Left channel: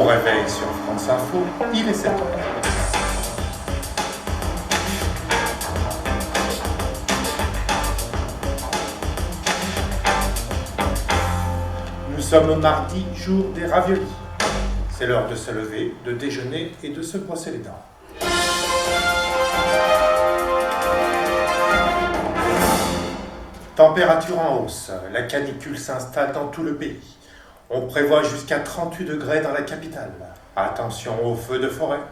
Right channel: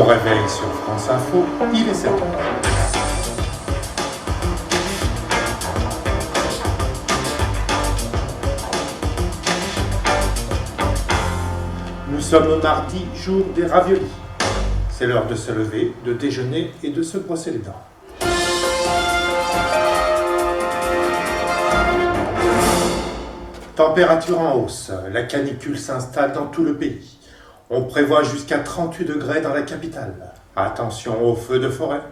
Bon réveil sur France Info, il est 7 heures. Nous sommes mardi, jour des raviolis. C'est l'heure de se lever, de déjeuner et de se brosser les dents. Température en hausse, la canicule s'installe dans tout le pays. On prévoit jusqu'à 38 degrés dans la capitale. Attention aux feux de forêt.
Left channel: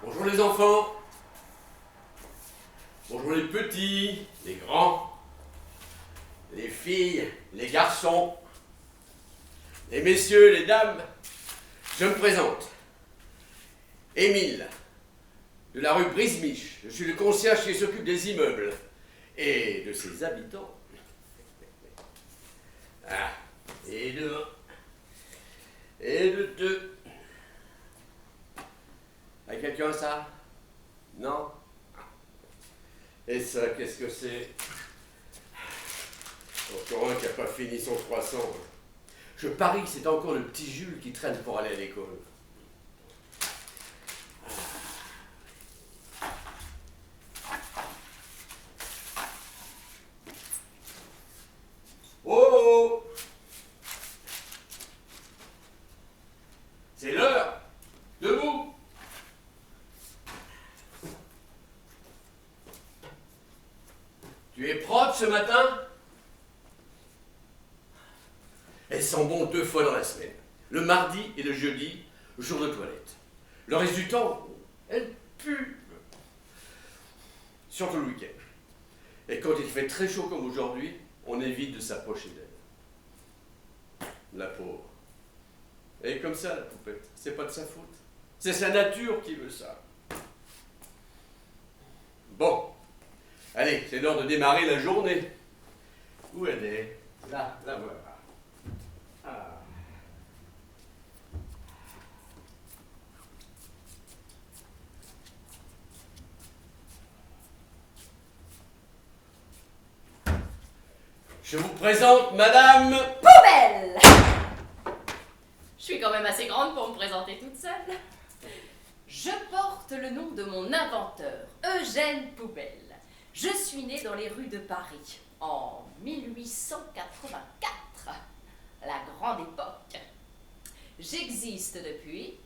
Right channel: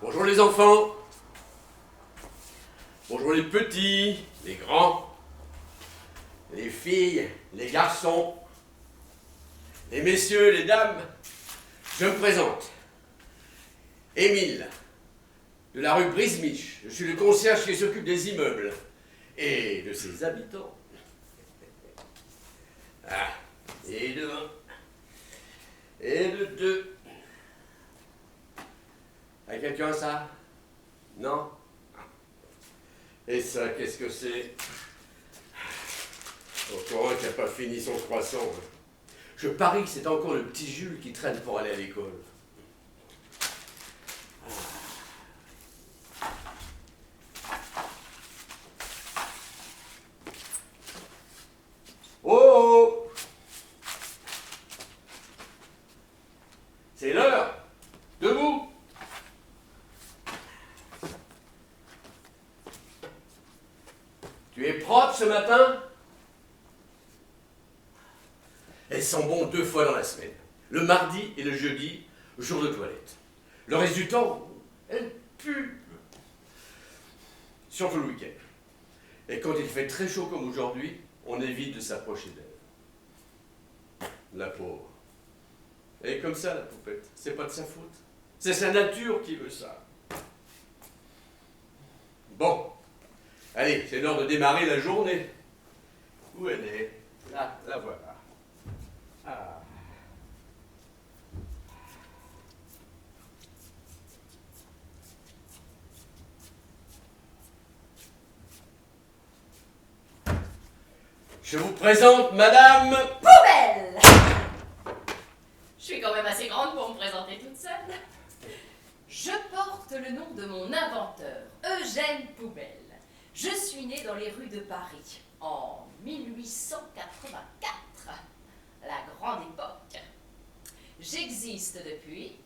Bonjour les enfants. Bonjour les petits, les grands, les filles, les garçons, les messieurs, les dames. Je me présente. Émile, de la rue Brisemiche. Je suis le concierge qui s'occupe des immeubles et de ses habitants. Ah, et de un, et de deux. A quelqu'un ça? Non? Et ça, qu'est-ce que c'est? Encore un qui n'a pas fini son croissant. Hein. Je parie que c'est encore le petit Jules qui traîne pour aller à l'école. Oh! C'est l'heure! Debout! Tu es propre ce matin? Elles sont bonnes 2 fois dans la semaine. Le mardi et le jeudi, jour de toilette. Le reste du temps, elles puent. Surtout le week-end. Et quand il fait très chaud comme aujourd'hui, on évite de s'approcher d'elle. La pauvre. Et comme ça, la poupette, c'est pas de sa faute. C'est sa nature qui veut ça. Bon. Allez, c'est l'heure de démarrer la journée. Où elle est? Là, la voilà. Ah. Je vous présente Madame... Poubelle! Je suis quand même assez grande pour me présenter toute seule. Je porte le nom de mon inventeur, Eugène Poubelle. Je suis née dans les rues de Paris en 1884, la grande époque. J'existe depuis...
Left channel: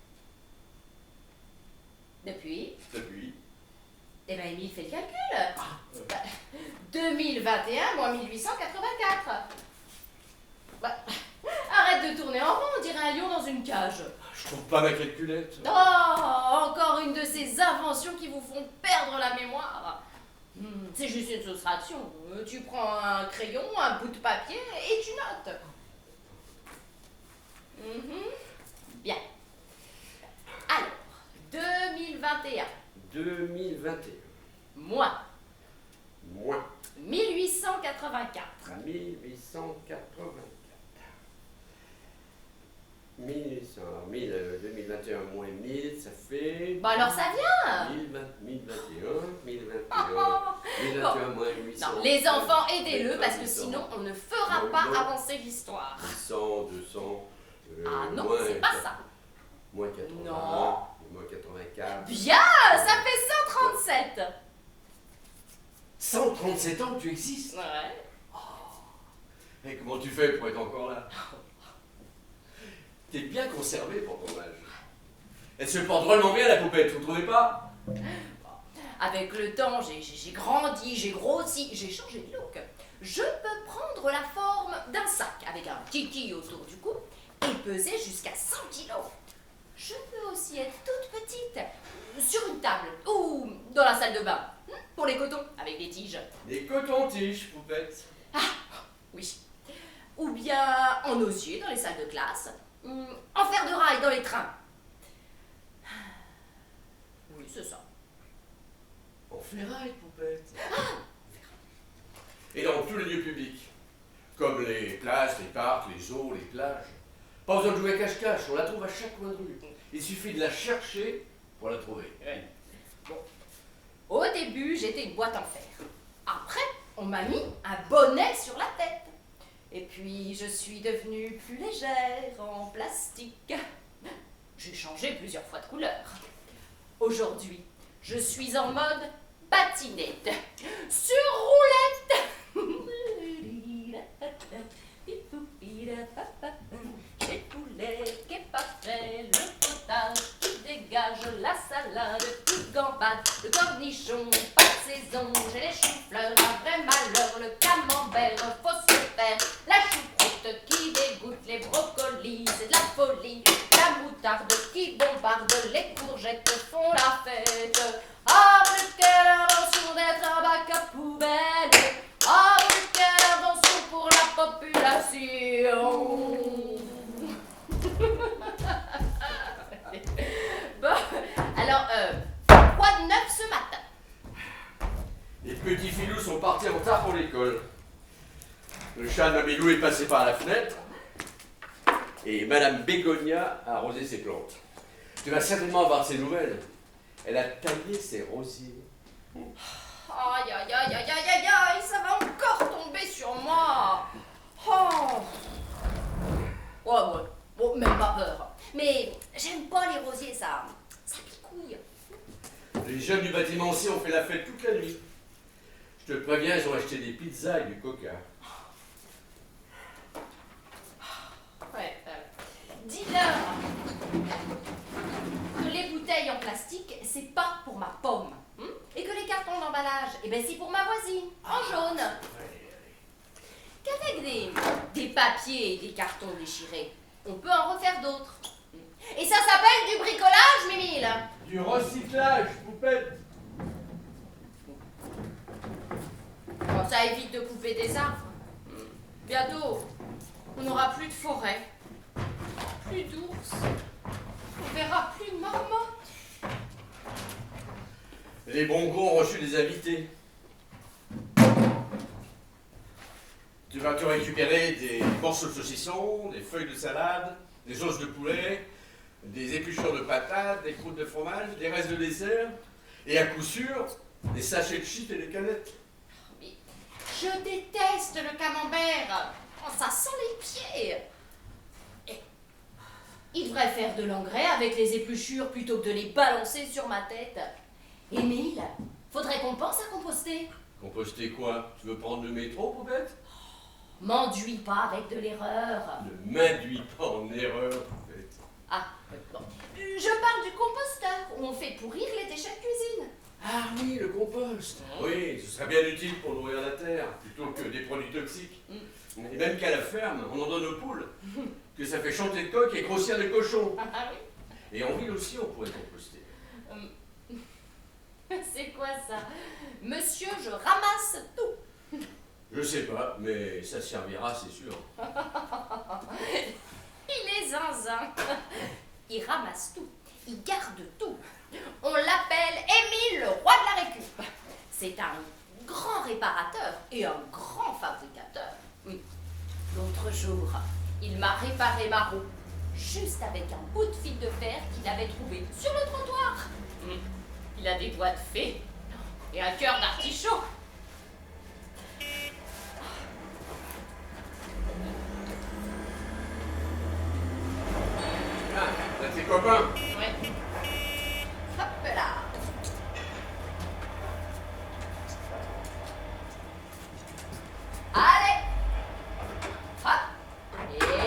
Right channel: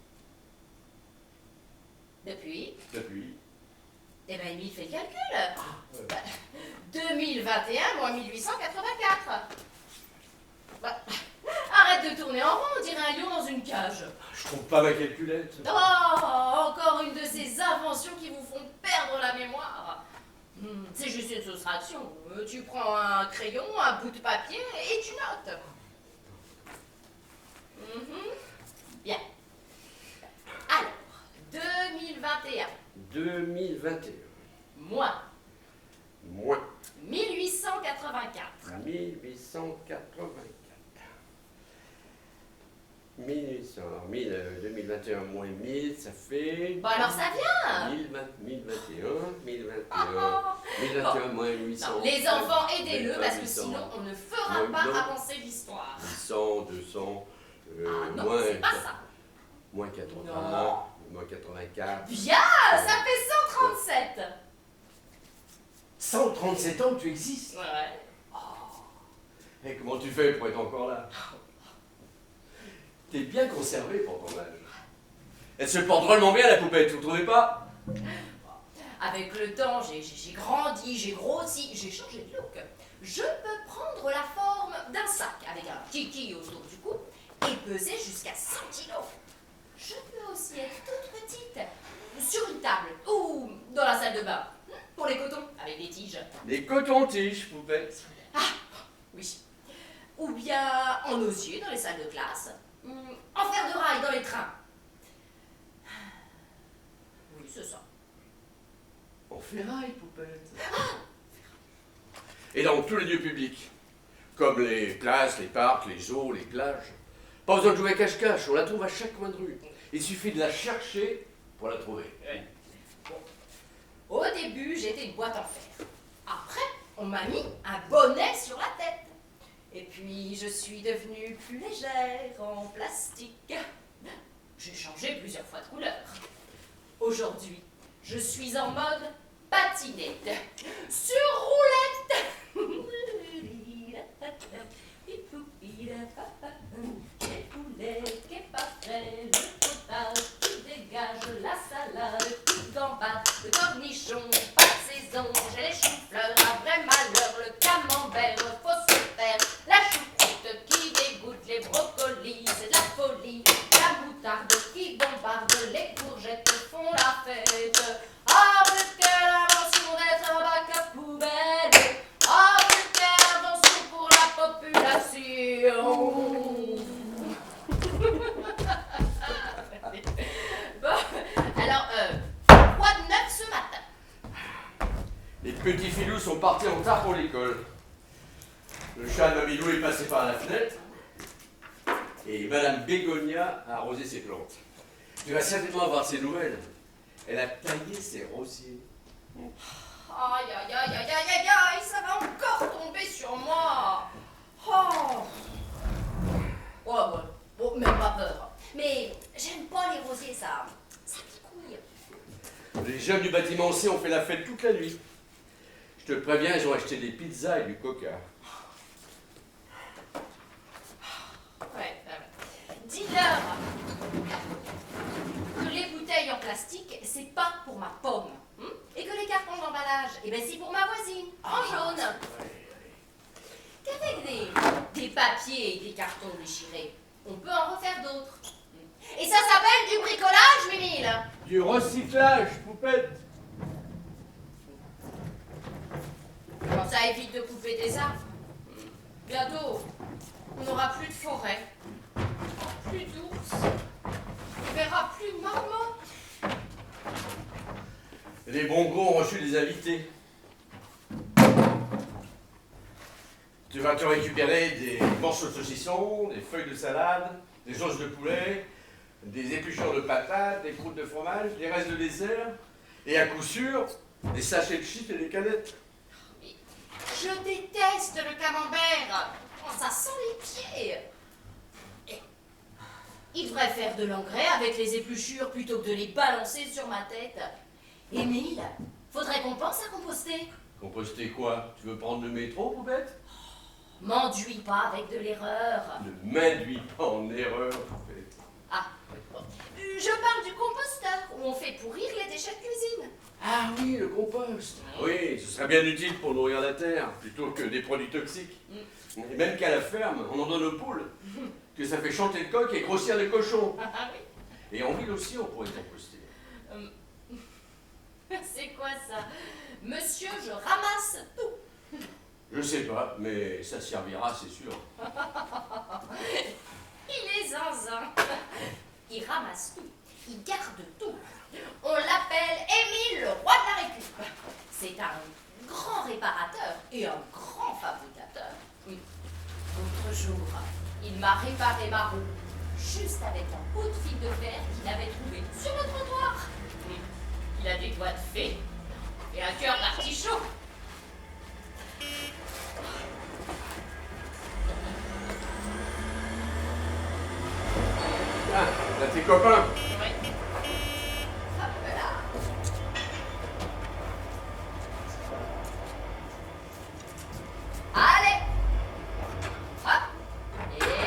Eh ben, Émile fait le calcul. 2021 moins 1884. Bah, arrête de tourner en rond, on dirait un lion dans une cage. Je trouve pas ma calculette. Oh, encore une de ces inventions qui vous font perdre la mémoire. C'est juste une soustraction. Tu prends un crayon, un bout de papier et tu notes. Bien. Alors, 2021. 2021. Moins. Moins. 1884. 1884. 1800. Alors, 2021 moins 1000, ça fait... Bah alors ça vient. 1021, 1021 moins 800. Non, les enfants, aidez-le parce que sinon on ne fera pas avancer l'histoire. 800, 200... ah non, c'est pas ça. Moins 80, non. moins 84. Bien, ça fait 137. 137 ans que tu existes? Ouais. Et comment tu fais pour être encore là? T'es bien conservé pour ton âge. Elle se porte drôlement bien la poupette, vous trouvez pas? Avec le temps, j'ai grandi, j'ai grossi, j'ai changé de look. Je peux prendre la forme d'un sac avec un kiki autour du cou et peser jusqu'à 100 kilos. Je peux aussi être toute petite, sur une table ou dans la salle de bain, pour les cotons, avec des tiges. Des cotons-tiges, poupette. Ah, oui. Ou bien en osier dans les salles de classe, en fer de rail dans les trains. Oui, c'est ça. En ferraille, poupette. Et dans tous les lieux publics, comme les places, les parcs, les eaux, les plages. Pas besoin de jouer à cache-cache, on la trouve à chaque coin de rue. Il suffit de la chercher pour la trouver. Au début, j'étais une boîte en fer. Après, on m'a mis un bonnet sur la tête. Et puis, je suis devenue plus légère en plastique. J'ai changé plusieurs fois de couleur. Aujourd'hui, je suis en mode patinette. Sur roulette. J'ai le poulet qui est pas frais, le potard qui dégage la salade, qui gambade, le cornichon, pas de saison, j'ai les choux-fleurs, un vrai malheur, le camembert, faut se faire, la choucroute qui dégoûte, les brocolis, c'est de la folie, la moutarde qui bombarde, les courgettes font la fête. Ah, mais quelle invention d'être un bac à poubelle! Ah, mais quelle invention pour la population! Bon, alors, quoi de neuf ce matin? Les petits filous sont partis en retard pour l'école. Le chat de Mamilou est passé par la fenêtre. Et Madame Bégonia a arrosé ses plantes. Tu vas certainement avoir de ses nouvelles. Elle a taillé ses rosiers. Aïe, aïe, aïe, aïe, aïe, aïe, aïe, ça va encore tomber sur moi. Oh. Ouais, bon, même pas peur. Mais j'aime pas les rosiers, ça picouille. Les jeunes du bâtiment aussi ont fait la fête toute la nuit. Je te préviens, ils ont acheté des pizzas et du coca. Ouais, dis-leur que les bouteilles en plastique, c'est pas pour ma pomme. Et que les cartons d'emballage, eh ben c'est pour ma voisine, en jaune. Qu'avec des papiers et des cartons déchirés, on peut en refaire d'autres. Et ça s'appelle du bricolage, Mimile. Du recyclage, poupette. Bon, ça évite de couper des arbres. Bientôt, on n'aura plus de forêt, plus d'ours, on verra plus de marmottes. Les bons gros ont reçu des invités. Tu vas te récupérer des morceaux de saucisson, des feuilles de salade, des os de poulet, des épluchures de patates, des croûtes de fromage, des restes de dessert, et à coup sûr, des sachets de chips et des canettes. Mais je déteste le camembert. Oh, ça sent les pieds. Et il devrait faire de l'engrais avec les épluchures plutôt que de les balancer sur ma tête. Émile, faudrait qu'on pense à composter. Composter quoi? Tu veux prendre le métro, poupette? M'enduis pas avec de l'erreur. Ne m'induis pas en erreur, poupette. Ah, bon. Je parle du composteur, où on fait pourrir les déchets de cuisine. Ah oui, le compost. Oui, ce serait bien utile pour nourrir la terre, plutôt que des produits toxiques. Et même qu'à la ferme, on en donne aux poules, que ça fait chanter le coq et grossir les cochons. Ah oui. Et en ville aussi, on pourrait composter. C'est quoi ça? Monsieur, je ramasse tout. Je sais pas, mais ça servira, c'est sûr. Il est zinzin. Il ramasse tout. Il garde tout. On l'appelle Émile, le roi de la récup. C'est un grand réparateur et un grand fabricateur. L'autre jour, il m'a réparé ma roue, juste avec un bout de fil de fer qu'il avait trouvé sur le trottoir. Il a des doigts de fée et un cœur d'artichaut. Ah, t'as tes copains. Oui. Hop là. Allez. Hop.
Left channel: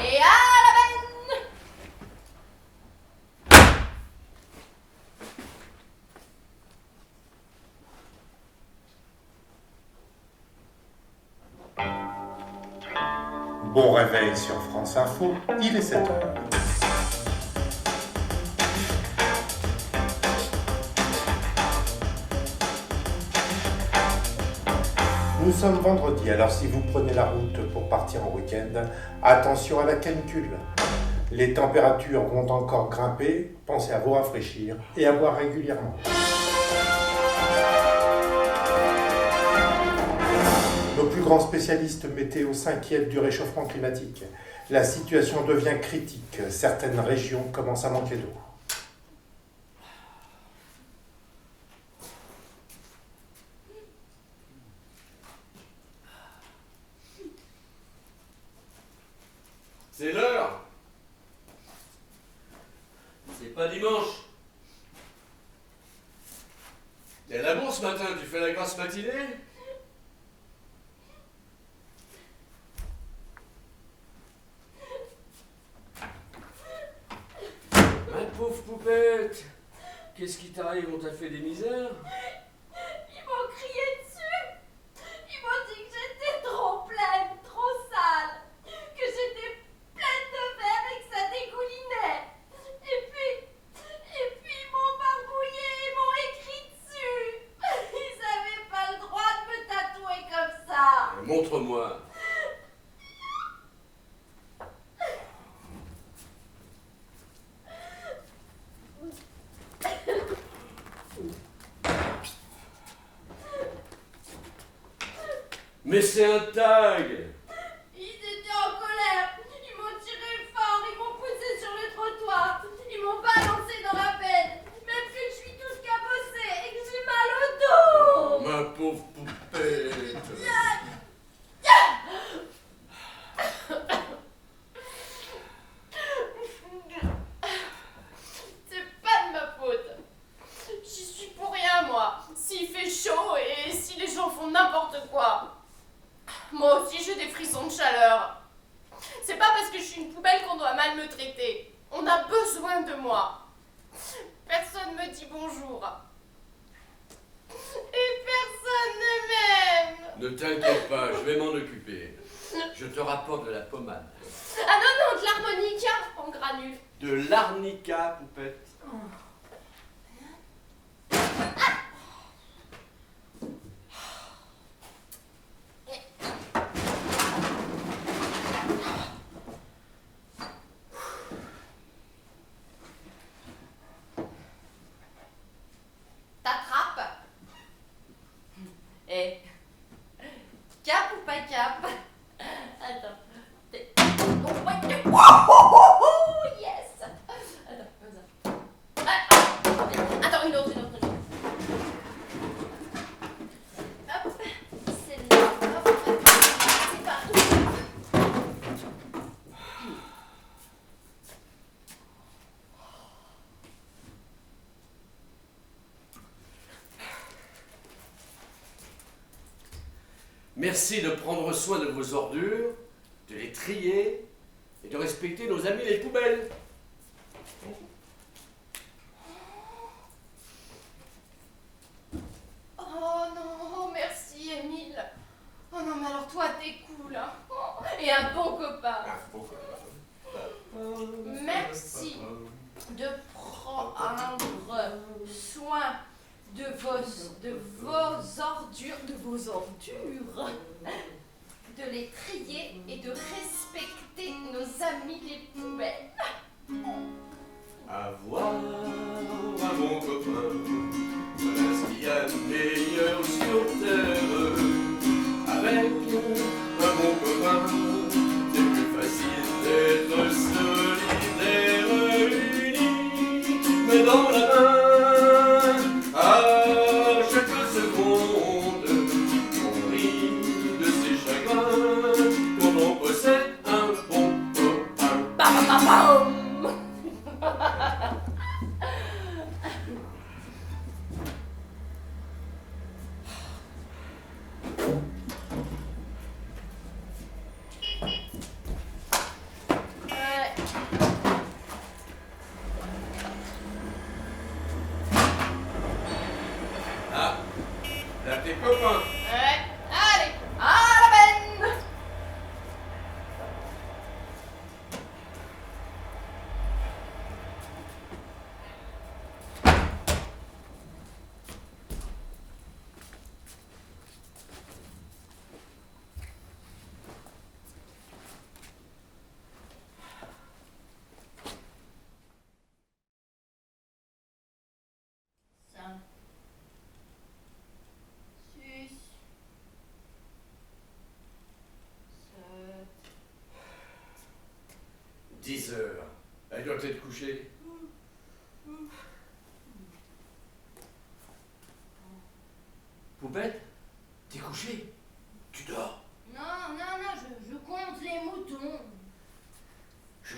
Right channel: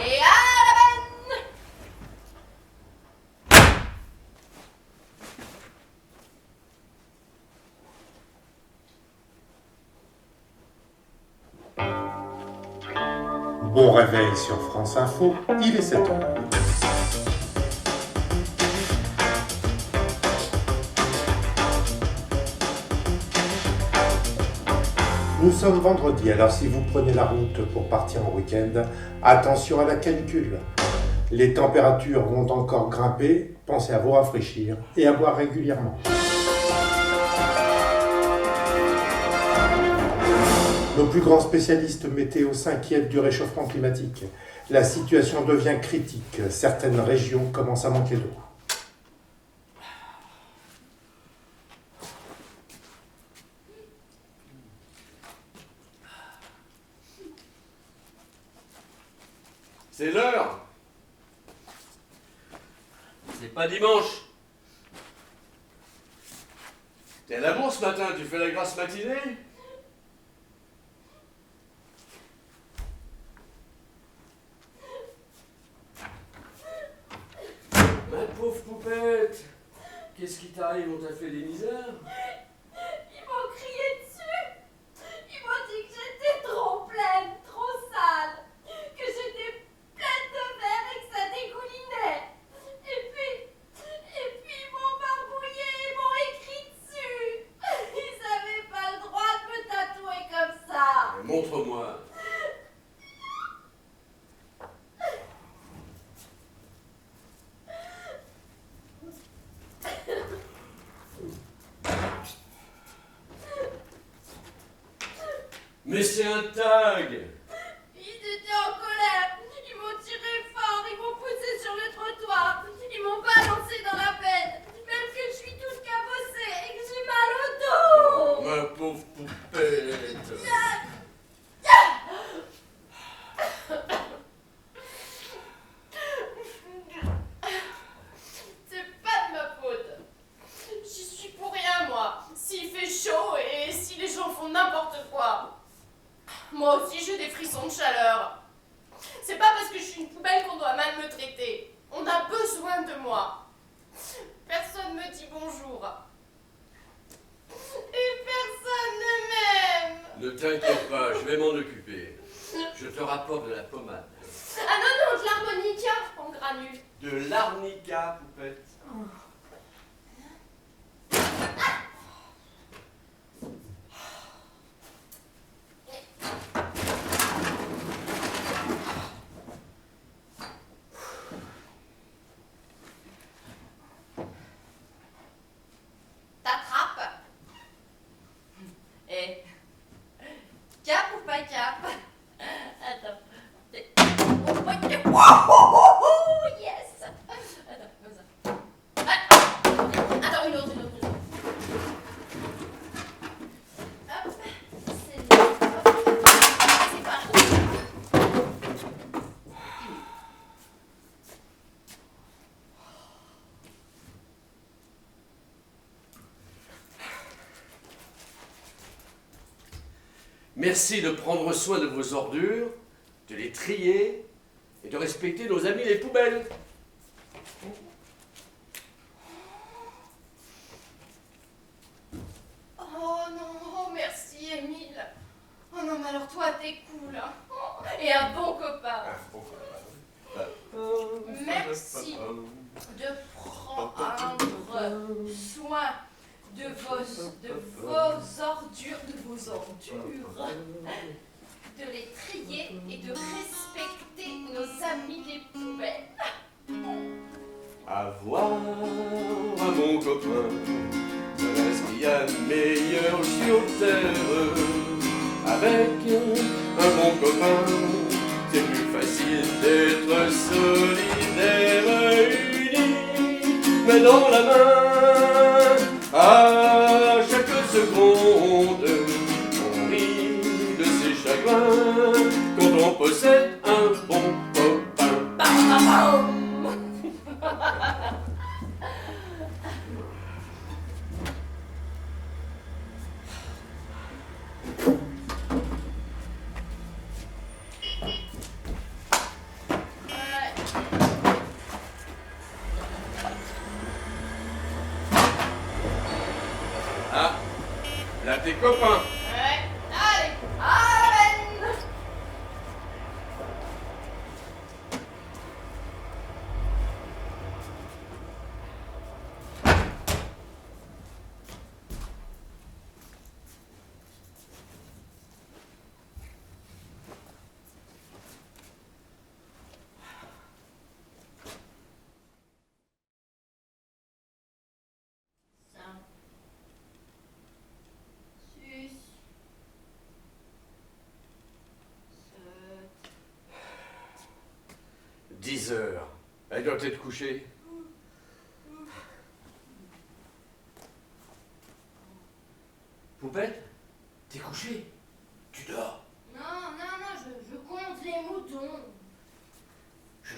Et à la benne. Bon réveil sur France Info, il est 7 h. Nous sommes vendredi, alors si vous prenez la route pour partir en week-end, attention à la canicule. Les températures vont encore grimper, pensez à vous rafraîchir et à boire régulièrement. Nos plus grands spécialistes météo s'inquiètent du réchauffement climatique. La situation devient critique. Certaines régions commencent à manquer d'eau. C'est l'heure. C'est pas dimanche. T'es à la bourse ce matin, tu fais la grasse matinée? Ma pauvre poupette, qu'est-ce qui t'arrive? On t'a fait des misères? Ils m'ont crié dessus. Ils m'ont dit que j'étais trop pleine, trop sale, que j'étais pleine de verre et que ça dégoulinait. Et puis ils m'ont barbouillé et m'ont écrit dessus. Ils n'avaient pas le droit de me tatouer comme ça. Montre-moi. Mais c'est un tag! Ils étaient en colère. Ils m'ont tiré fort, ils m'ont poussé sur le trottoir. Ils m'ont balancé dans la benne. Même que je suis toute cabossée et que j'ai mal au dos. Ma pauvre poupette! C'est pas de ma faute. J'y suis pour rien, moi. S'il fait chaud et si les gens font n'importe quoi. Moi aussi, j'ai des frissons de chaleur. C'est pas parce que je suis une poubelle qu'on doit mal me traiter. On a besoin de moi. Personne me dit bonjour. Et personne ne m'aime. Ne t'inquiète pas, je vais m'en occuper. Je te rapporte de la pommade. Ah non, de l'harmonica en granules. De l'arnica, poupette. T'attrapes. Et cap ou pas cap? Attends. Oh, ouais. Oh, yes. Attends, comme ça. Attends, une autre. Hop, c'est là. Hop, c'est parti. Merci de prendre soin de vos ordures, de les trier et de respecter nos amis les poubelles. Oh non, merci Émile. Oh non, mais alors toi, t'es cool. Hein. Et un bon copain. Merci de prendre soin de vos ordures, de les trier et de respecter nos amis les poubelles. Avoir un bon copain, voilà ce qu'il y a de meilleur sur terre. Avec un bon copain, c'est plus facile d'être solidaire, unis, mais dans la main, à chaque seconde, on rit de ses chagrins quand on possède un bon copain. Bam, bam, bam. Ah, là tes copains. Ouais. Allez, à la benne. Ça. 6. 7. 10 heures. Elle doit être couchée. Poupette, t'es couchée? Tu dors? Non, je compte les moutons.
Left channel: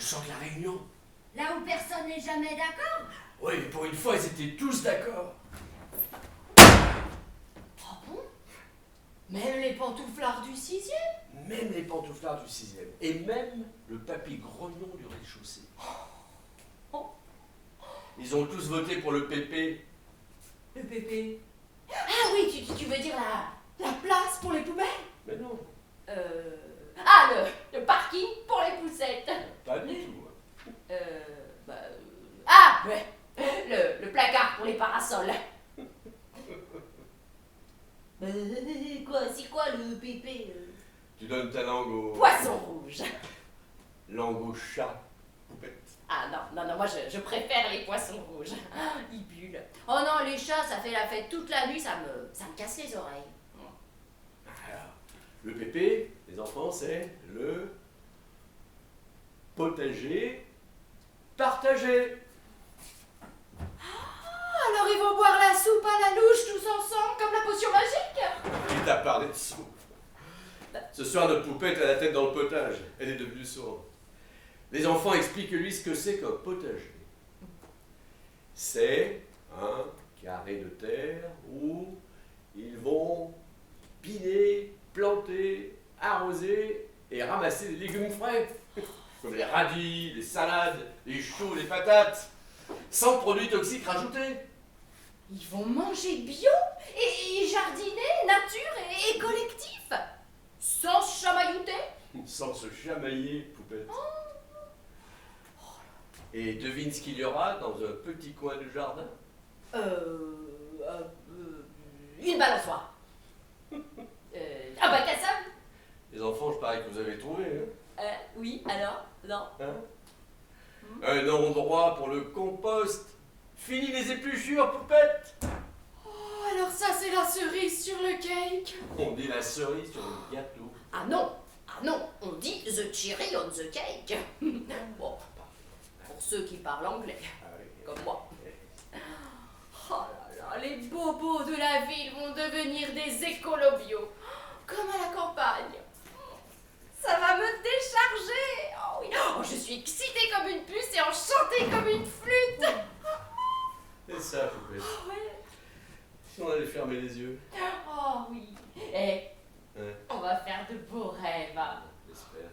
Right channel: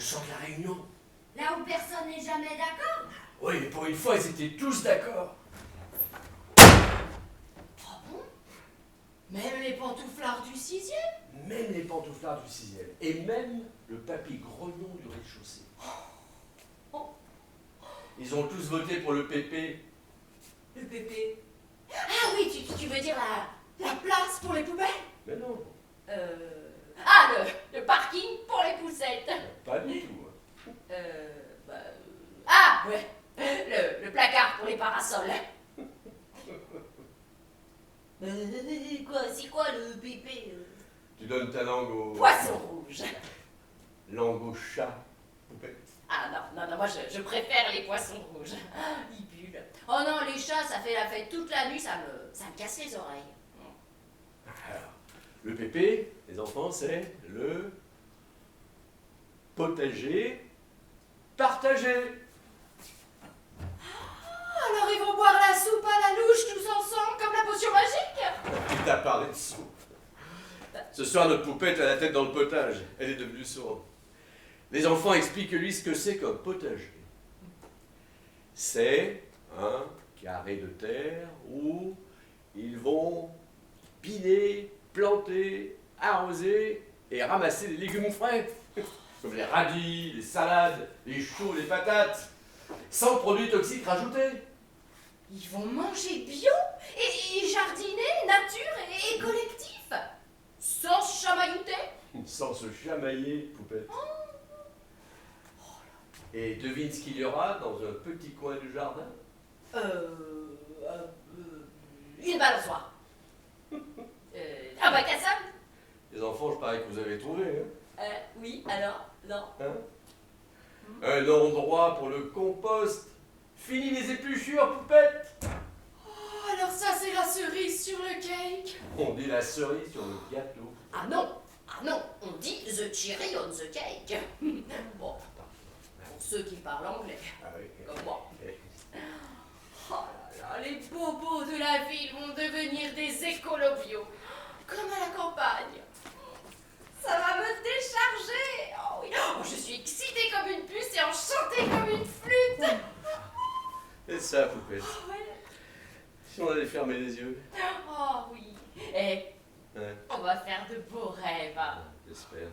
chant de la Réunion. Là où personne n'est jamais d'accord. Oui, pour une fois, ils étaient tous d'accord. Ah bon? Même les pantouflards du 6e? Même les pantouflards du 6e. Et même le papy grognon du rez-de-chaussée. Ils ont tous voté pour le PP. Le pépé. Ah oui, tu veux dire la place pour les poubelles? Mais non, Ah, le parking pour les poussettes. pas du tout. Ah, ouais, le placard pour les parasols. C'est quoi le pépé? Tu donnes ta langue au... Poisson rouge. Langue au chat, poupette. Ah non, moi je préfère les poissons rouges. Ils bullent. Oh non, les chats, ça fait la fête toute la nuit, ça me casse les oreilles. Alors, le PP, les enfants, c'est le potager partagé. Alors ils vont boire la soupe à la louche tous ensemble comme la potion magique? Il t'a parlé de soupe. Ce soir, notre poupette a la tête dans le potage. Elle est devenue sourde. Les enfants expliquent-lui ce que c'est qu'un potager. C'est un carré de terre où ils vont piner, planter, arroser et ramasser des légumes frais. Comme les radis, les salades, les choux, les patates. Sans produits toxiques rajoutés. Ils vont manger bio et jardiner, nature et collectif. Sans se chamaillouter. Sans se chamailler, poupette. Et devine ce qu'il y aura dans un petit coin du jardin? Une balançoire. Un bac à sable. Les enfants, je parie que vous avez trouvé, hein? Oui, alors? Non. Hein? Un endroit pour le compost. Fini les épluchures, poupette. Oh, alors ça, c'est la cerise sur le cake. On dit la cerise sur le gâteau. Ah non, on dit the cherry on the cake. Bon, pour ceux qui parlent anglais, Ah oui. comme moi. Oh là là, les bobos de la ville vont devenir des écolos bio, comme à la campagne. Ça va me décharger. Oh oui, oh, je suis excitée comme une puce et enchantée comme une flûte. C'est ça, poupette. Oh, ouais. Si on allait fermer les yeux. Oh oui. Et Ouais, on va faire de beaux rêves. j'espère.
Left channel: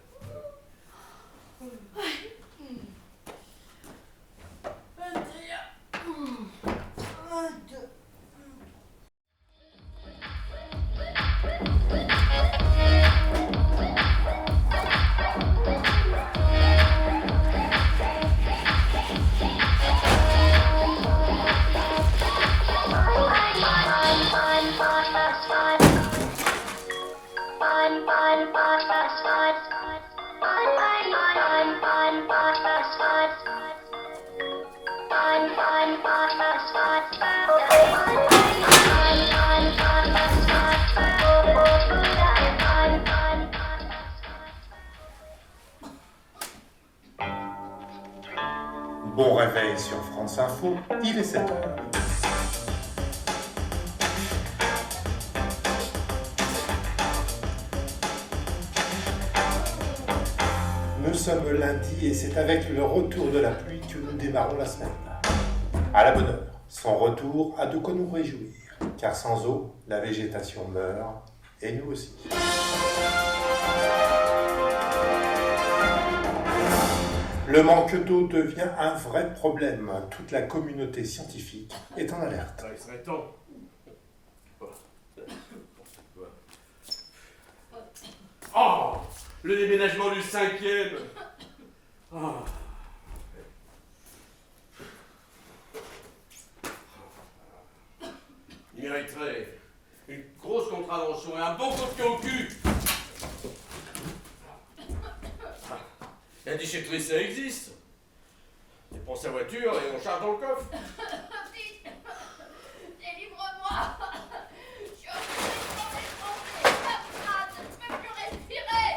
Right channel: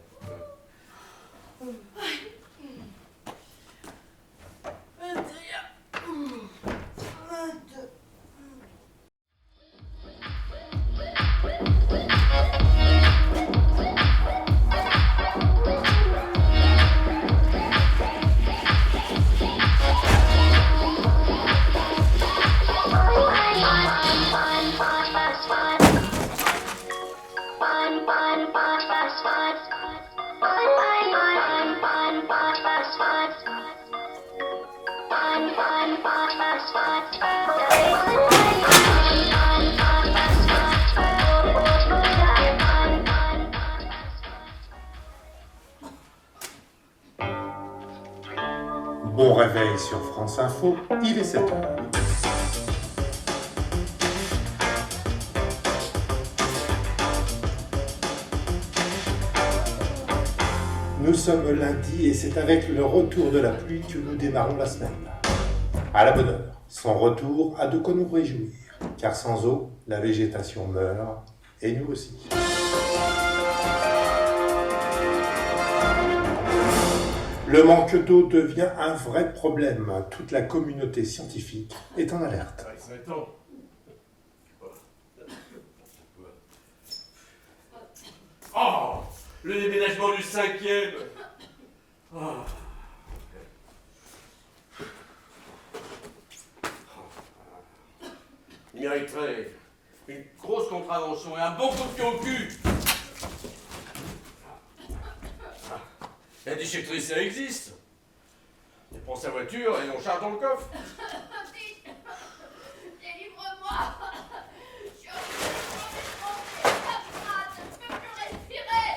Bon réveil sur France Info, il est 7h. Nous sommes lundi et c'est avec le retour de la pluie que nous démarrons la semaine. À la bonne heure, son retour a de quoi nous réjouir, car sans eau, la végétation meurt, et nous aussi. Le manque d'eau devient un vrai problème. Toute la communauté scientifique est en alerte. Ah, il serait temps. Oh, le déménagement du 5e. Oh. Il mériterait une grosse contravention et un bon coup de pied au cul. La déchetterie, ça existe. On prend sa voiture et on charge dans le coffre. Délivre-moi. Je suis complètement défoncée. Je peux plus respirer.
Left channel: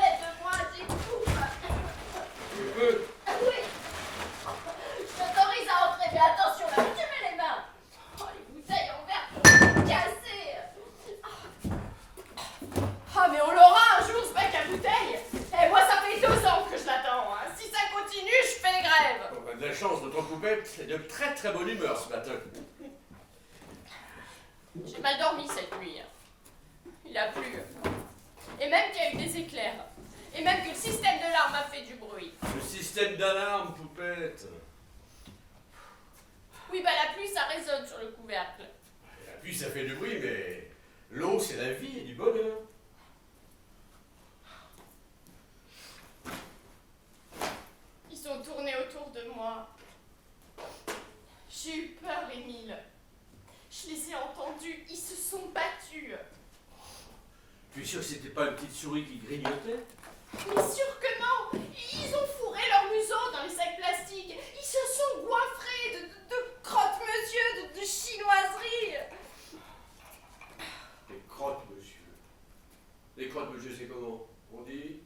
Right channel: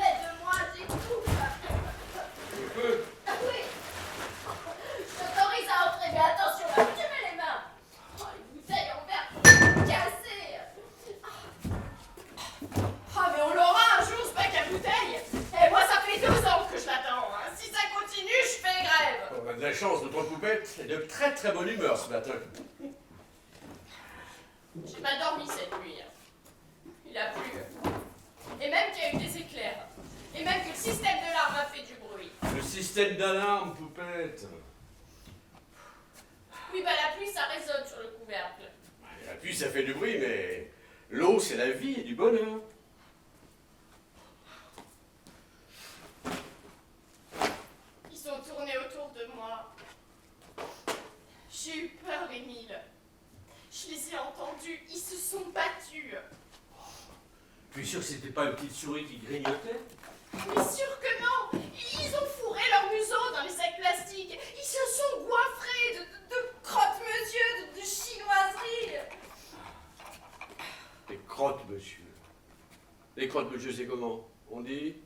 Aide-moi, j'étouffe. Tu peux. Oui. Je t'autorise à entrer, mais attention, là où tu mets les mains. Oh, les bouteilles en verre cassées. Ah mais on l'aura un jour ce bac à bouteilles. chance, notre poupette est de très très bonne humeur ce matin. J'ai mal dormi cette nuit. Il a plu. Et même qu'il y a eu des éclairs. Et même que le système d'alarme a fait du bruit. Le système d'alarme, poupette. Oui, bah la pluie, ça résonne sur le couvercle. La pluie, ça fait du bruit, mais l'eau, c'est la vie et du bonheur. Ils sont tournés autour de moi. J'ai eu peur, Émile. Je les ai entendus. Ils se sont battus. Tu es sûr que c'était pas une petite souris qui grignotait? Mais sûr que non. Ils ont fourré leur museau dans les sacs plastiques. Ils se sont goinfrés de crotte-monsieur, de chinoiseries. Des crotte-monsieur. Des crotte-monsieur, c'est comment? On dit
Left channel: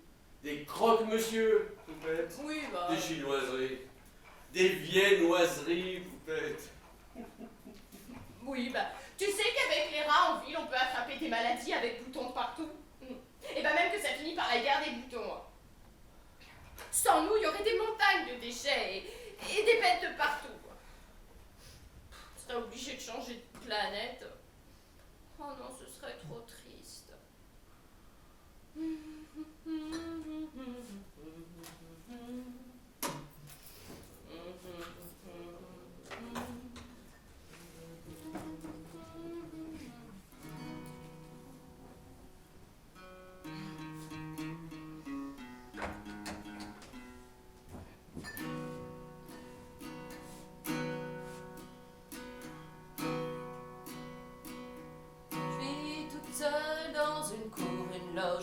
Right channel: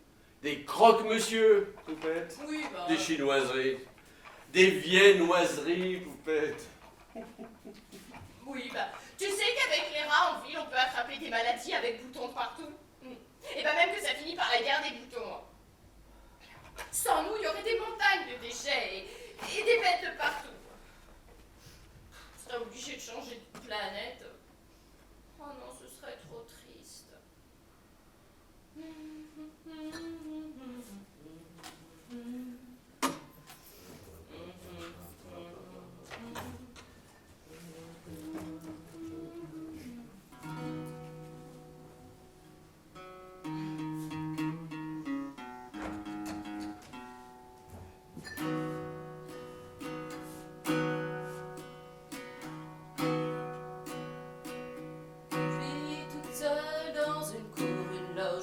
des croque-monsieur, poupette. Oui, bah... Des chinoiseries. Des viennoiseries, poupette. Oui, bah... Tu sais qu'avec les rats en ville, on peut attraper des maladies avec boutons de partout. Et bah même que ça finit par la guerre des boutons. Sans nous, il y aurait des montagnes de déchets et des bêtes de partout. On serait obligé de changer de planète. Oh non, ce serait trop triste.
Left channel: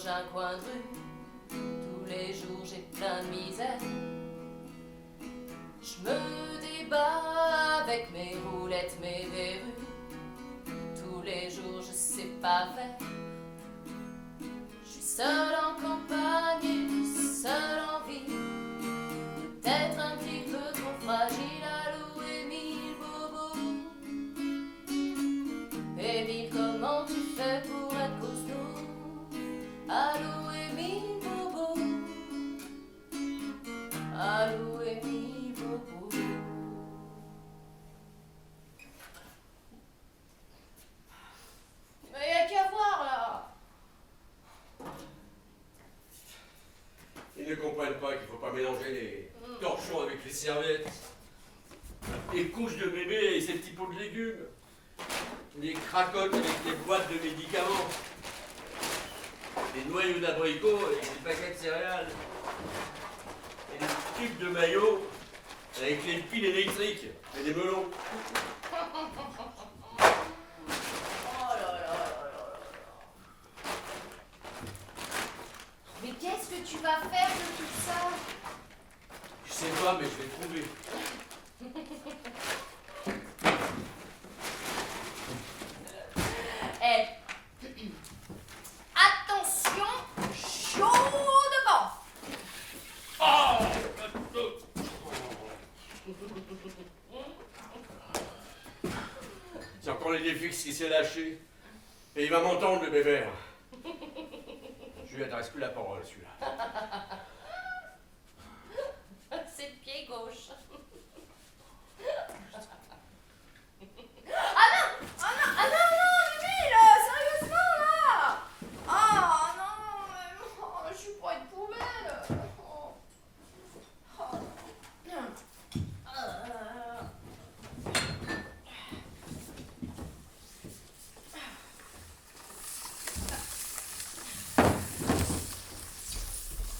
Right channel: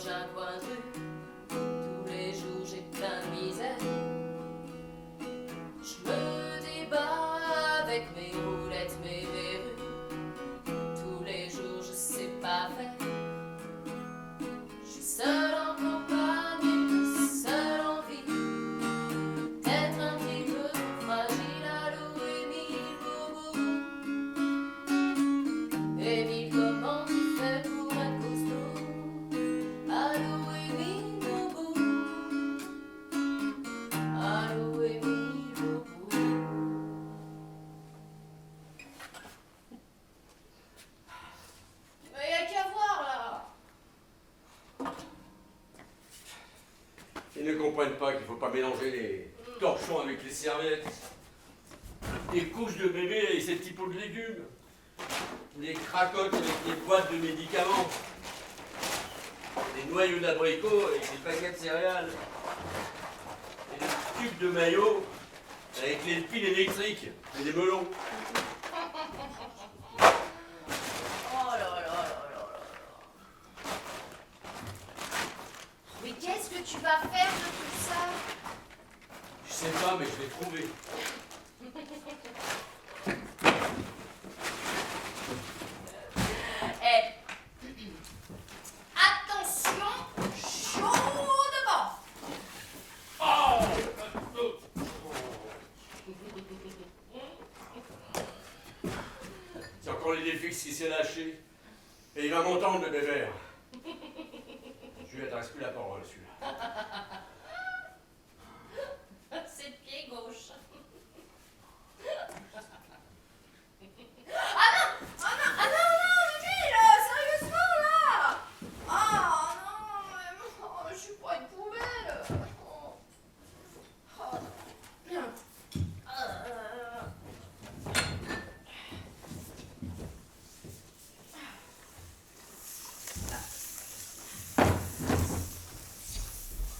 Un coin de rue, tous les jours j'ai plein de misère. Je me débat avec mes roulettes, mes verrues. Tous les jours je sais pas faire. Je suis seule en campagne, seule en ville. Peut-être un petit peu trop fragile. Allô Émile, bobo. Émile, comment tu fais pour être costaud? Allô Émile Bobo. Allô Émile Bobo. Mais y'a qu'à voir là. Ils ne comprennent pas qu'il ne faut pas mélanger les torchons avec les serviettes. Les couches de bébé et ces petits pots de légumes. Les cracottes avec les boîtes de médicaments. Des noyaux d'abricot avec des paquets de céréales. Et des tubes de maillot avec les piles électriques et des melons. Oh là là là là là. Mais qu'est-ce que tu vas faire de tout ça? Je sais pas, mais je vais trouver. Attention, chaud devant. C'est encore l'idéfixe qui s'est lâché. Et il va m'entendre, le bébé. Je lui adresse plus la parole, celui-là. C'est le pied gauche. Ah non, Émile, sérieusement là. Ah non, mais je suis pas une poubelle. Oh.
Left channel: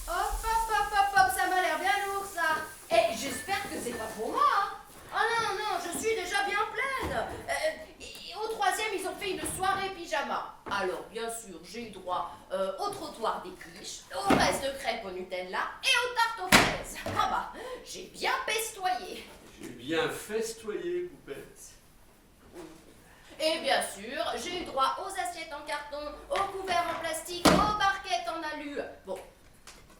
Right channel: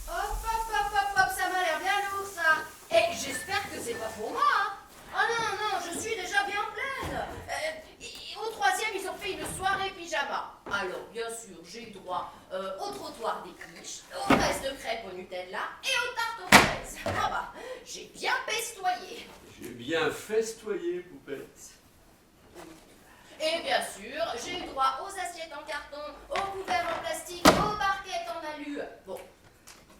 Hop, ça m'a l'air bien lourd ça. Et j'espère que c'est pas pour moi. Hein. Oh non, je suis déjà bien pleine. Au troisième, ils ont fait une soirée pyjama. Alors, bien sûr, j'ai eu droit au trottoir des quiches, au reste de crêpes au Nutella et aux tartes aux fraises. Ah bah, j'ai bien pestoyé. J'ai bien festoyé, poupette. Et bien sûr, j'ai eu droit aux assiettes en carton, aux couverts en plastique, aux barquettes en alu. Bon,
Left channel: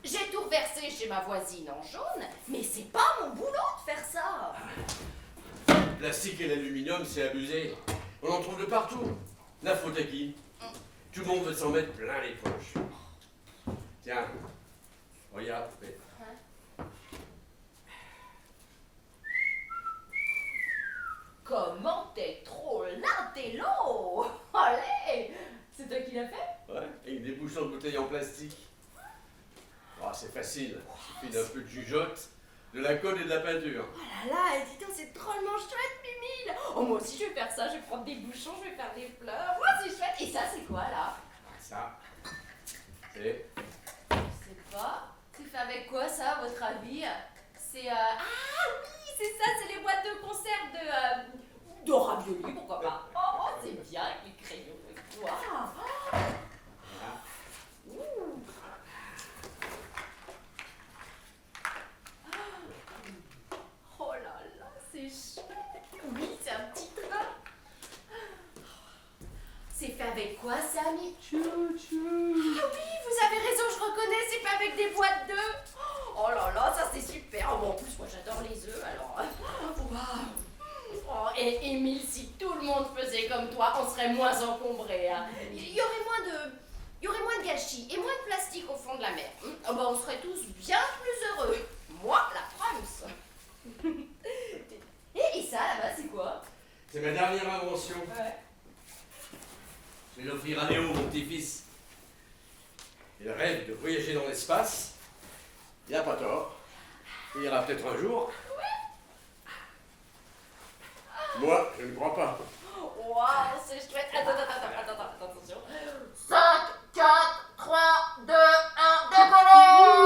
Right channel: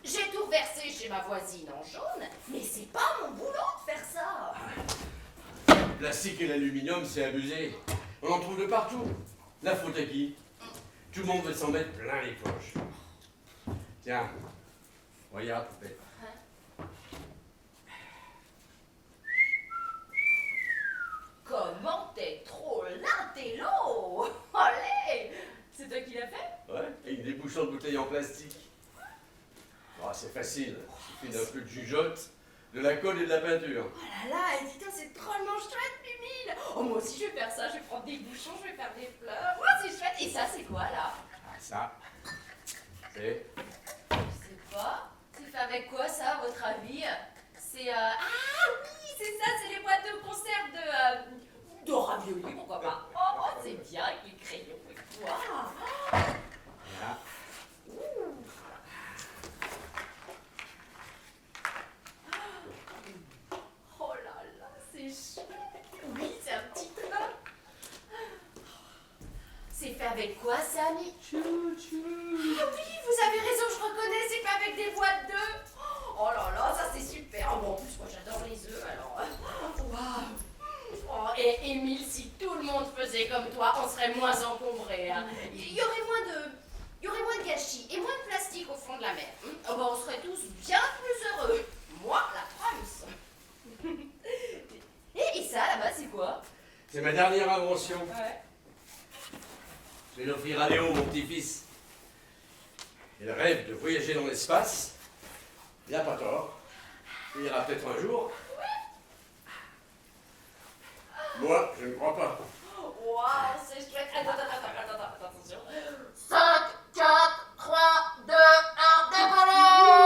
j'ai tout reversé chez ma voisine en jaune, mais c'est pas mon boulot de faire ça. Le plastique et l'aluminium, c'est abusé. On en trouve de partout. La faute à qui? Tout le monde veut s'en mettre plein les poches. Tiens, regarde, poupette. comment t'es trop l'intello. Allez, c'est toi qui l'as fait? Ouais, avec des bouchons de bouteilles en plastique. Oh, c'est facile, il suffit d'un peu de jugeote, de la colle et de la peinture. Oh là là, et dis donc, c'est drôlement chouette, Mimile. Oh, moi aussi, je vais faire ça. Je vais prendre des bouchons, je vais faire des fleurs. Ouais, c'est chouette. Et ça, c'est quoi, là? Ah, ça, c'est... Je sais pas. C'est fait avec quoi, ça, à votre avis? C'est, Ah oui, c'est ça, c'est les boîtes de conserve de ravioli, pourquoi pas. Oh, c'est bien avec les crayons. Waouh. Voilà. Ouh. Oh là là, c'est chouette. Oui, c'est un petit train. C'est fait avec quoi, Samy? Ah oui, vous avez raison, je reconnais, c'est fait avec des boîtes d'œufs. Oh là là, ça c'est super. Oh, bon, en plus, moi j'adore les œufs, alors... Waouh. Oh, et Émile, si tout le monde faisait comme toi, on serait moins encombré. Hein. Il y aurait moins de gâchis et moins de plastique au fond de la mer. Oh, bah, on serait tous bien plus heureux. Moi, la France. Et ça, là-bas, c'est quoi? C'est ma dernière invention. Ouais. Je vais l'offrir à Léo, mon petit-fils. Il rêve de voyager dans l'espace. Il n'a pas tort. Il ira peut-être un jour. Moi, je ne crois pas. Waouh, c'est chouette. Attends, attention. 5, 4, 3, 2, 1, décollage.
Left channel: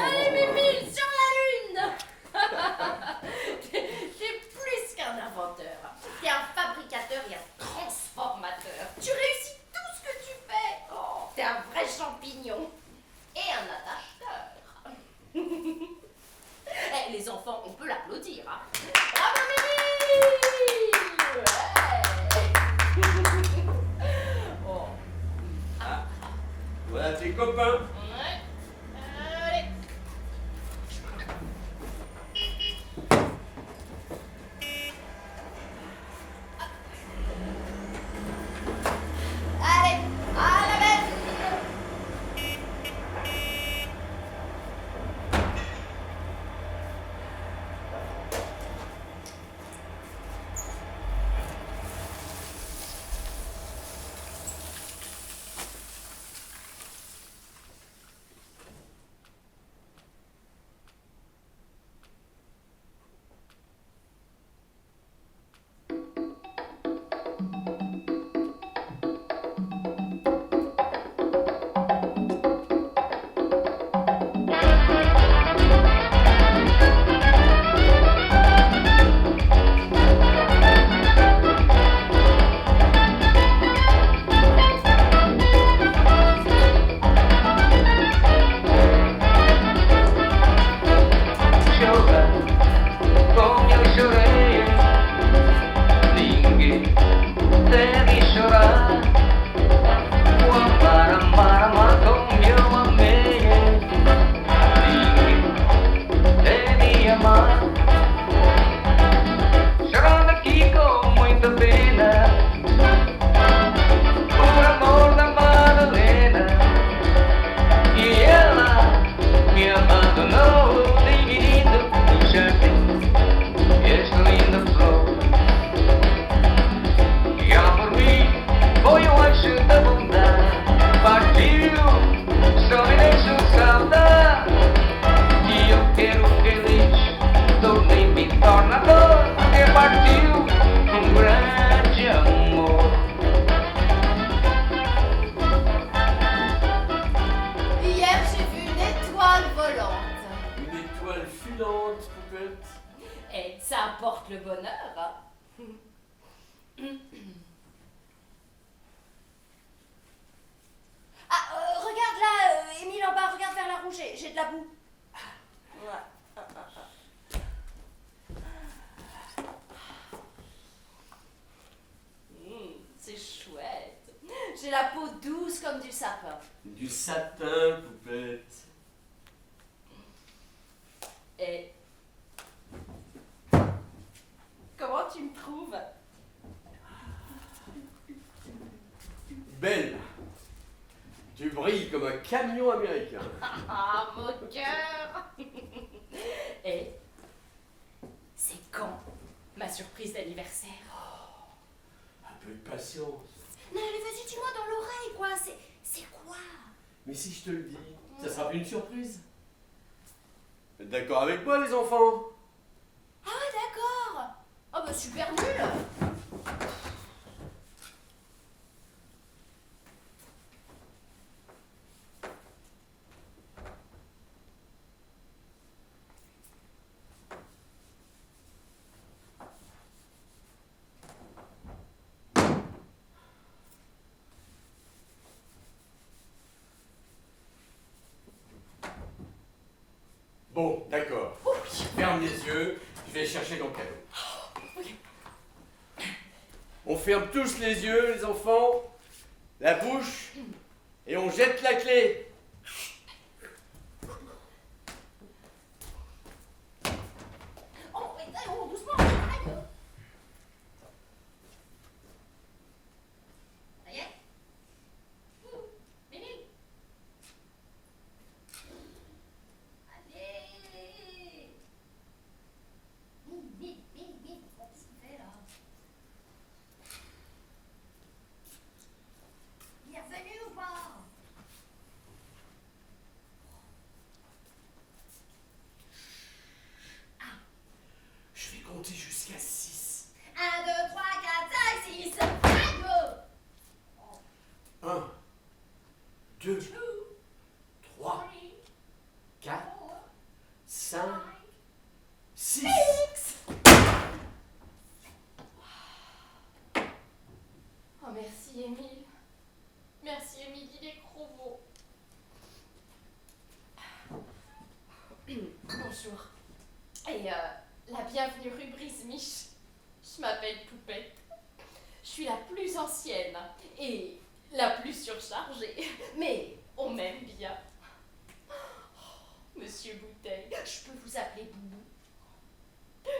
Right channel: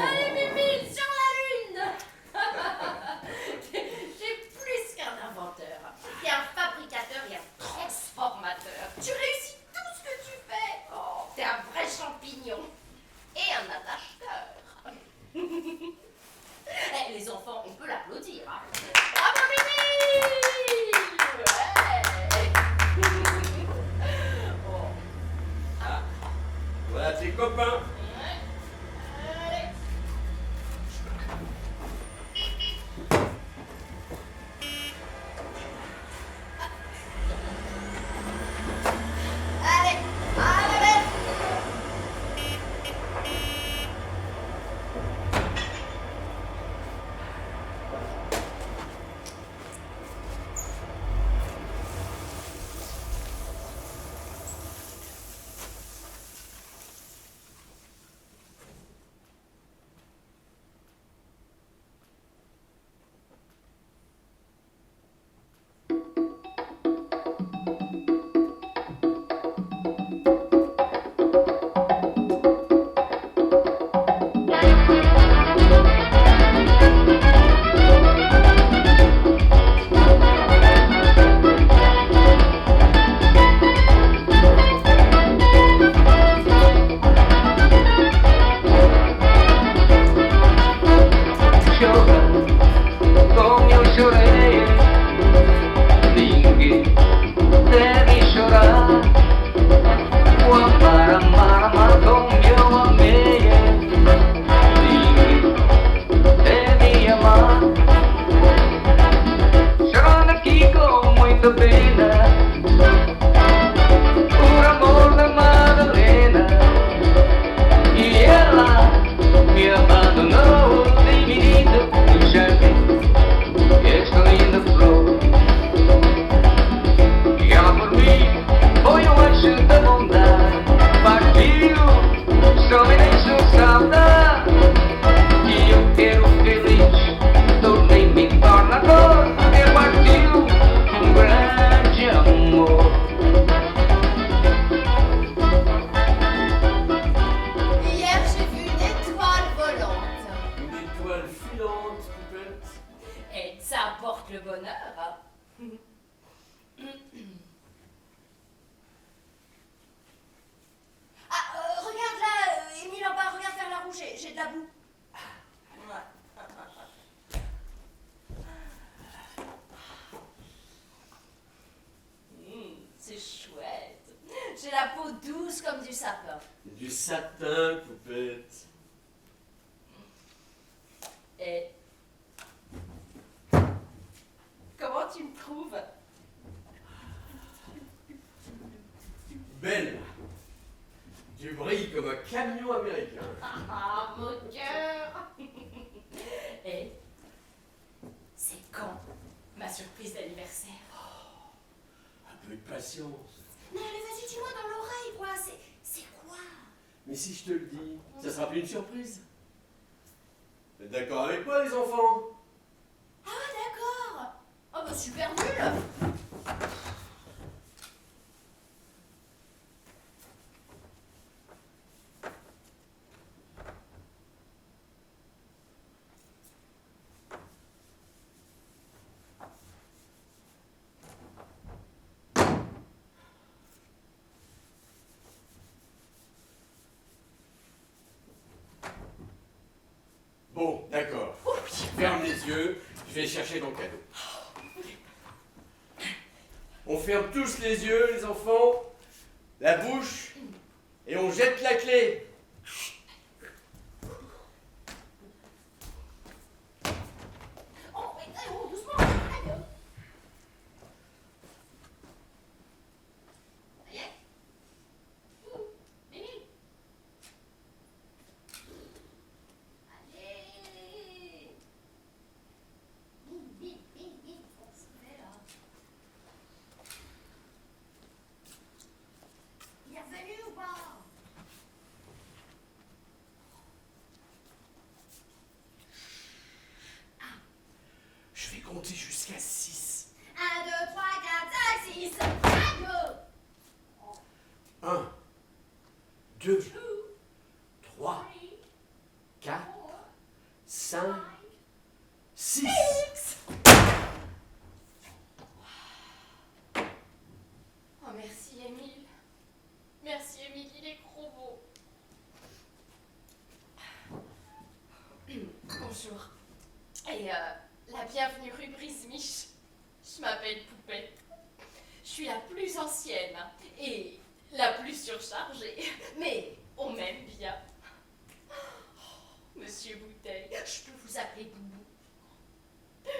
Allez, Mimile, sur la Lune. T'es plus qu'un inventeur. T'es un fabricateur et un transformateur. Tu réussis tout ce que tu fais. Oh, t'es un vrai champignon. Et un attache-cœur. Eh, les enfants, on peut l'applaudir. Hein. Bravo, Mimi. Ouais. Oh. Ah, voilà tes copains. Ouais. Allez. Allez, à la belle. Le bonheur. Ah, regarde là, Émile en bas, regarde vers la roue, j'ai de la boue. Ouais. C'est chouette. J'ai la peau douce comme du sapin. Du satin, poupette. Et comment tu me trouves? Belle. Tu brilles comme un camion américain. Ah, mon cœur. Et c'est quand ma surprise d'anniversaire? Un peu de patience. Non, allez, vas-y, dis-moi dans l'oreille, quoi. C'est quoi? Mais si je te le dis, ça sera plus une surprise. Vous êtes d'accord avec moi, les enfants? Ah, d'accord. Oh, bah, super nul. Bon, d'accord. Ferme les yeux, je vais chercher ton cadeau. On ferme tous les yeux, les enfants, la bouche, et on jette la clé. Oh, oui, oh, doucement. Allez. Ça y est? Mimi. Allez. Mimi, qu'est-ce que tu fais là? Il est revenu ou pas? Je vais compter jusqu'à 6. 1, 2, 3, 4, 5, 6. Aïe! 1, 2, 2, 3, 3, 4, 4, 5, 5. 6. Oh, merci, Émile. Merci, Émile, il est trop beau. Bonjour. Et la bienvenue rue Brise-Miche. Je m'appelle Poupette. Je suis la plus ancienne et la plus surchargée. Mais on m'aime bien. Oh, Monsieur Bouteille, je peux vous appeler Boubou.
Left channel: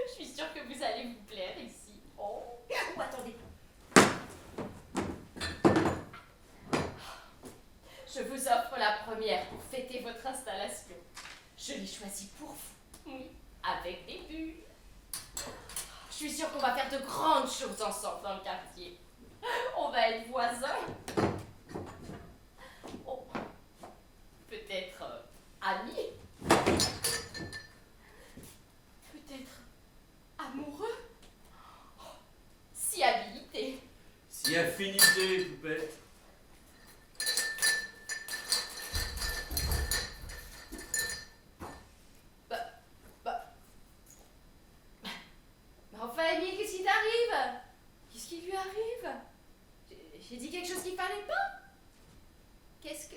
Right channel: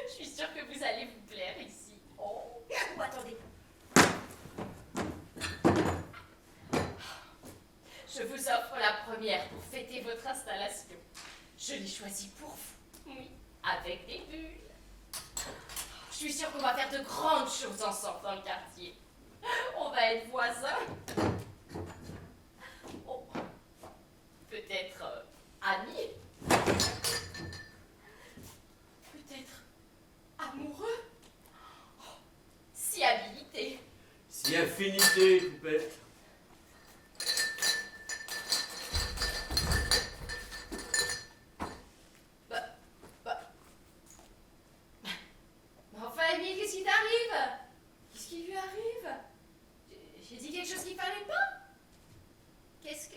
Je suis sûre que vous allez vous plaire ici. Oh, ou attendez. Je vous offre la première pour fêter votre installation. Je l'ai choisie pour vous. Oui, avec des bulles. Je suis sûre qu'on va faire de grandes choses ensemble dans le quartier. On va être voisins. Oh, peut-être amis. Peut-être amoureux. Oh, si habilité. Si infinité, Poupette. Mais enfin, Émile, qu'est-ce qui t'arrive? Qu'est-ce qui lui arrive? J'ai dit quelque chose qu'il fallait pas? Qu'est-ce que...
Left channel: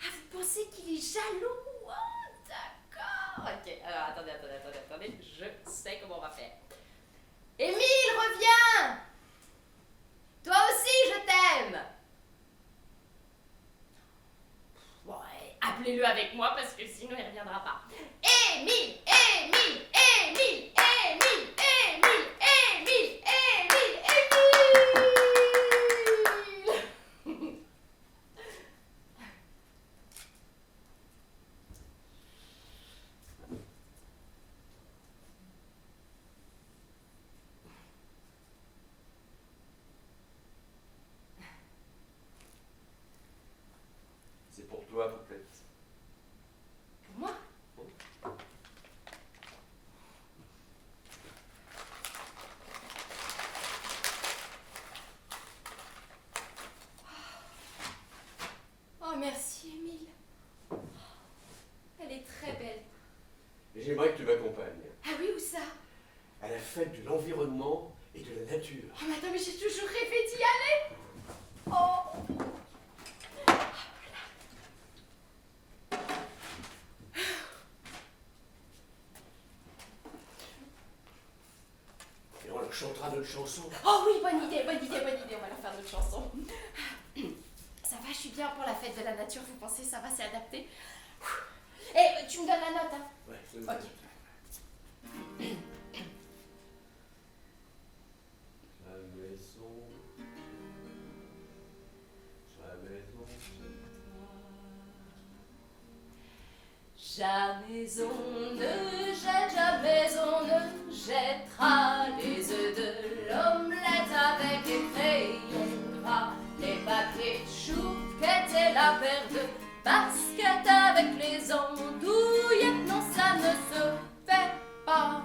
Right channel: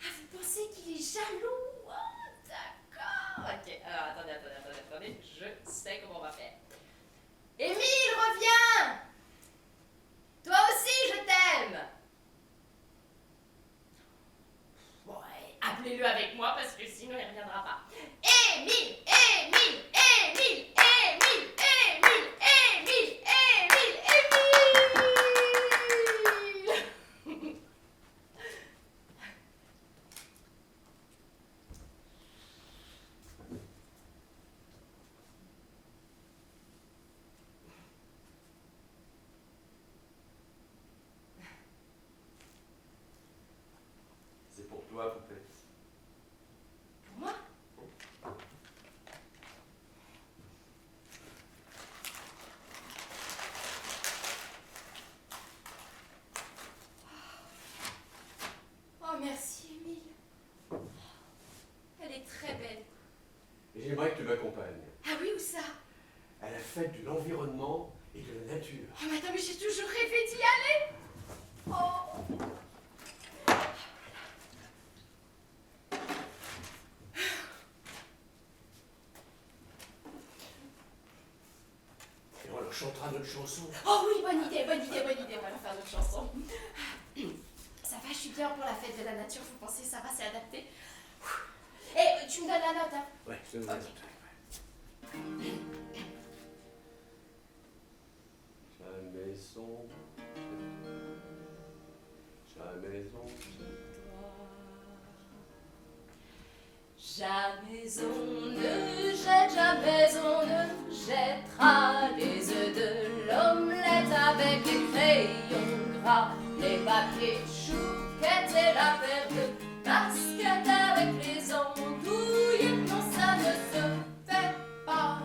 Ah, vous pensez qu'il est jaloux? Oh, d'accord. Ok, alors attendez. Je sais comment on va faire. Émile, reviens! Toi aussi, je t'aime! Bon, appelez-le avec moi parce que sinon il reviendra pas. Émile! C'est pour toi, Poupette. Pour moi? Oh, merci, Émile. Elle est très belle. J'aimerais que tu m'accompagnes Ah oui, où ça? à la fête de l'environnement et de la nature. Oh, mais attends, mais j'ai toujours rêvé d'y aller. Oh. Et on leur chantera notre chanson. Oh oui, bonne idée, on va leur faire notre chanson. Ça va, je suis bien pour la fête de la nature, vous pensez ça va, c'est adapté? Et tu me donnes la note, hein? Ouais, je te donne Ok. la note. Jamais son, jamais son, Jamais on ne jette, jamais on ne jettera les œufs de l'omelette avec les crayons gras, les papiers chouquettes et la paire de baskets avec les andouillettes. Non, ça ne se fait pas.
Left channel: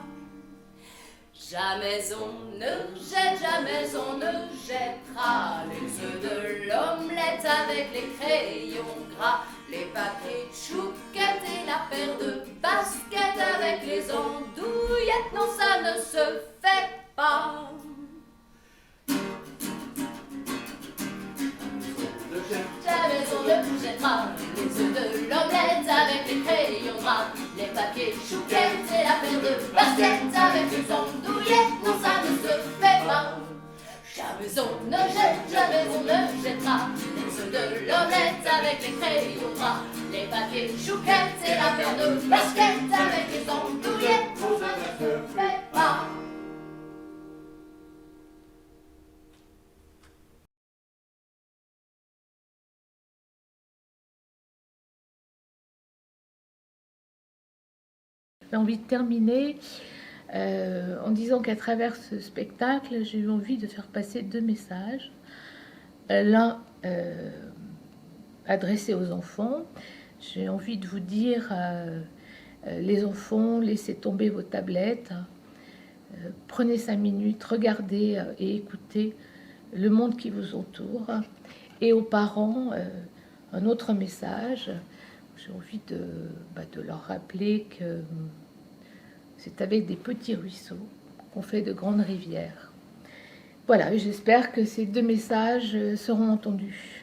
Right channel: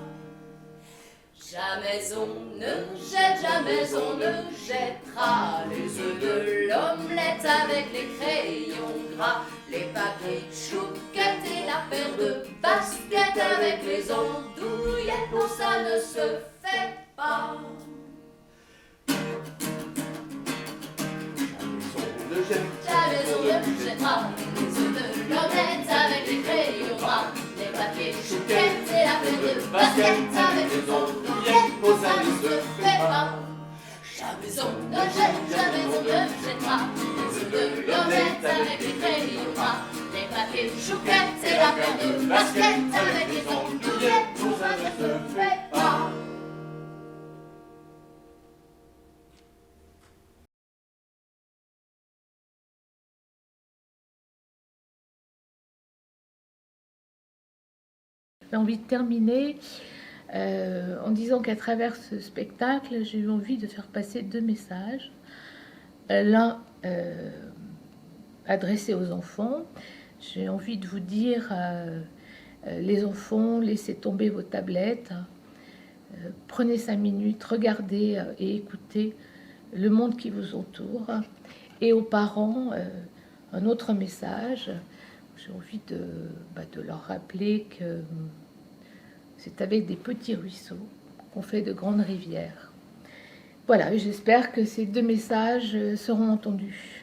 Jamais on ne jette, jamais on ne jettera les œufs de l'omelette avec les crayons gras, les papiers chouquettes et la paire de baskets avec les andouillettes. Non, ça ne se fait pas. Jamais on ne jettera les œufs de l'omelette avec les crayons gras, les papiers chouquettes et la paire de baskets avec les andouillettes. Non, ça ne se fait pas. Jamais on ne jette, jamais on ne jettera les œufs de l'omelette avec les crayons gras, les papiers chouquettes et la paire de baskets avec les andouillettes. Non, ça ne se fait pas. J'ai envie de terminer en disant qu'à travers ce spectacle, j'ai eu envie de faire passer 2 messages. L'un adressé aux enfants. J'ai envie de vous dire, les enfants, laissez tomber vos tablettes. Prenez 5 minutes, regardez et écoutez le monde qui vous entoure. Et aux parents, un autre message. J'ai envie de leur rappeler que c'est avec des petits ruisseaux qu'on fait de grandes rivières. Voilà, j'espère que ces 2 messages seront entendus.